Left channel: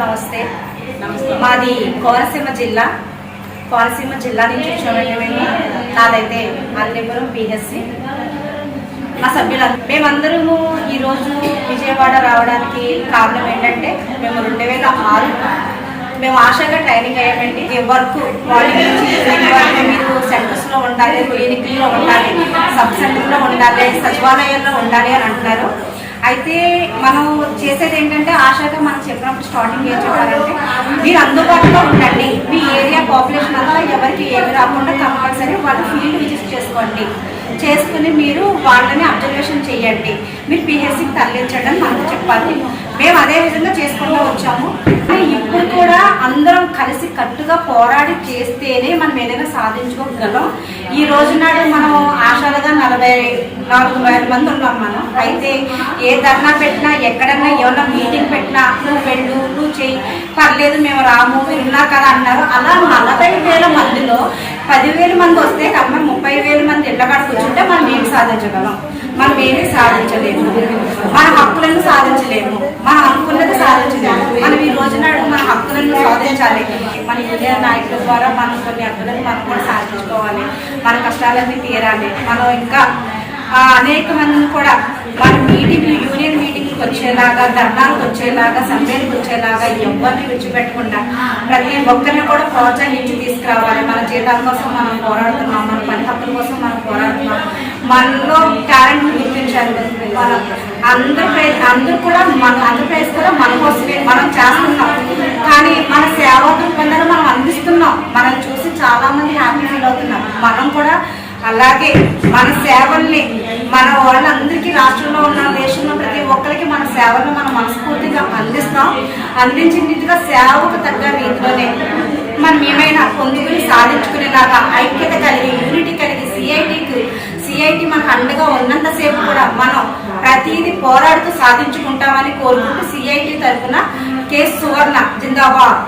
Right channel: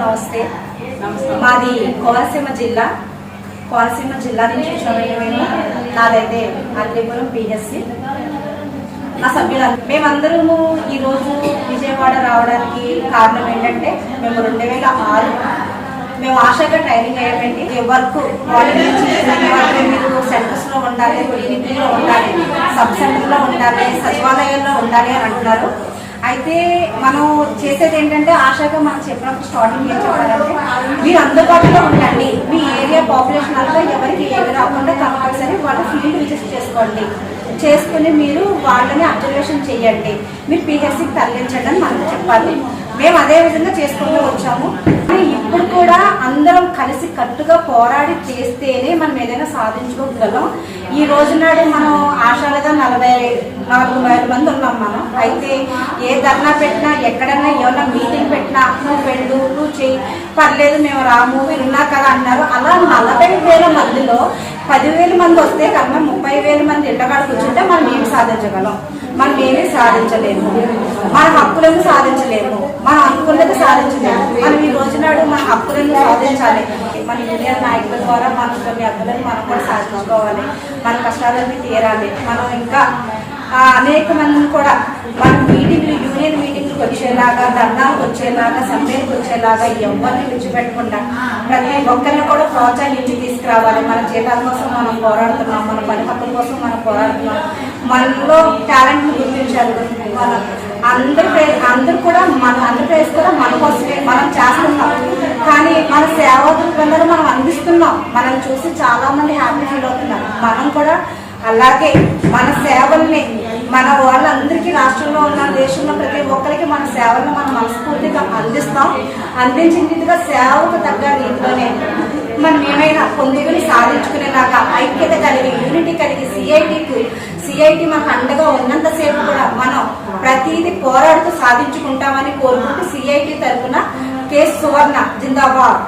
నమస్తే. మాది కోనసీమ జిల్లా. కోనసీమ జిల్లా నుంచి వచ్చామండి మేము. నాదైతే అల్లిపురం పిహెచ్సి. మా సభ్యులు. మేమందరము ఈరోజు విజయవాడ రావడానికి కారణం ఏంటంటే మేము రెండు వేల ఆరు మేము ఆశగా ట్రైనింగ్ అయ్యామండి. వర్క్ మార్నింగ్ నుంచి వరకు మీరు సెంటర్స్లో ఉండాలి క్లినిక్లో ఉండాలి సబ్ సెంటర్లో ఉండాలి సచివాలయాల్లో ఉండాలి అని అంటున్నారు. అయితే మనం చేసేది ఏంటంటే ఆశాగా మనం చెప్పినప్పుడు స్టార్టింగ్ ఏం చెప్పాలంటే మీరు అందుబాటులో ఉండండి. మీ ఏరియా పాపులేషన్ అంతా ఎవరికి ఏమి రాకుండా కంపల్సరీ వాళ్ళు ఫీల్డ్ విజిట్ చేసుకోండి. చేసుకుని మీరు వాళ్ళని అబ్జర్వేషన్ చేయండి. మీరు పిహెచ్సికి తరలించండి అని మనకు చెప్పాలి మేము అదే విధంగా చేసుకుంటూ వచ్చాము. కానీ ఇప్పుడు కూడా అందరం కలిసి కట్టుగా పోరాడి చేస్తేనే మనం ఏదైనా సాధించుకోగలం. ఈ రోజు నాడు మనం ఆశాలుగా నలభై నాలుగు వేల మంది ఉన్నాం మనం. అయితే ఏ ధర్నా పెట్టినా ఎక్కడన్నా ఏమన్నా మీటింగ్ పెట్టినా నువ్వు వెళ్ళు నువ్వు చెయ్యి పర్లేదు మేము రాము మీరు ఉన్నారు కదా అన్నారు. అలా నలభై వేల మందిలో పదివేల మంది వస్తే కన్నా ముప్పై వేల మంది ఇళ్ళకాడ కూర్చుంటే మనం ఏం సాధించగలం? మనం ఏమీ సాధించలేము. మన హక్కులను సాధించలేము. మనం అనుకున్నది సాధించలేము. మనం ఈ రోజు నాడు మన హక్కులను సాధించాలి. మన యూనియన్ నాయకుల ద్వారా మనం కొన్ని హక్కులను మనం కూడా సాధించుకోవాలి. మన కష్టాలన్నీ తీరాలి. మనం ఇంకా అనేక మంది కూడా మన మీటింగ్లు యూనియన్ మీటింగ్కి వచ్చేలాగా ధర్నాలకు వచ్చేలాగా సమ్మెలకు వచ్చేలాగా ఎవరిని విడిచిపెట్టకుండా ప్రతి ఒక్కరిని కూడా ప్రోత్సహించి తీసుకురావాలి. మన జీతాల కోసం మనం పోరాడుతున్నాం. మన పని హక్కుల కోసం మనం పోరాడుతున్నాం. మనలో టాలెంట్ గుర్తించాలి మన అందరి ప్రైజ్ అందరూ కూడా మన ఆంధ్రప్రదేశ్ కూడా మన కోసమే మనం చేస్తున్నాం. కానీ మన సేవా దృక్పథాలు మనం అందిస్తున్నాం. మనం చూసి చాలా మంది హ్యాపీ ఫీల్ అవుతున్నారు. మనం కూడా అలాగే మన సేవల్ని మన వాళ్ళందరికీ రాష్ట్రంలో ఉన్న దేశంలో ప్రతి ఒక్కరికి మన సేవలను మనం మనస్ఫూర్తిగా అందిస్తాం. అందించిన రీతిగా సేవకు తగ్గ రీతిలోనే మనం ఏమైనా పొందుకుని సాధించుకునేలాగా ఐక్యత సిఐటి మనకు అండగా ఉన్నంతసేపు కూడా మనం ప్రతిదీ పోరాడుతూ సాధించుకుంటామని కోరుకుంటూ సిఐటి తరఫున కేసు సువర్ణ జిందాబాద్.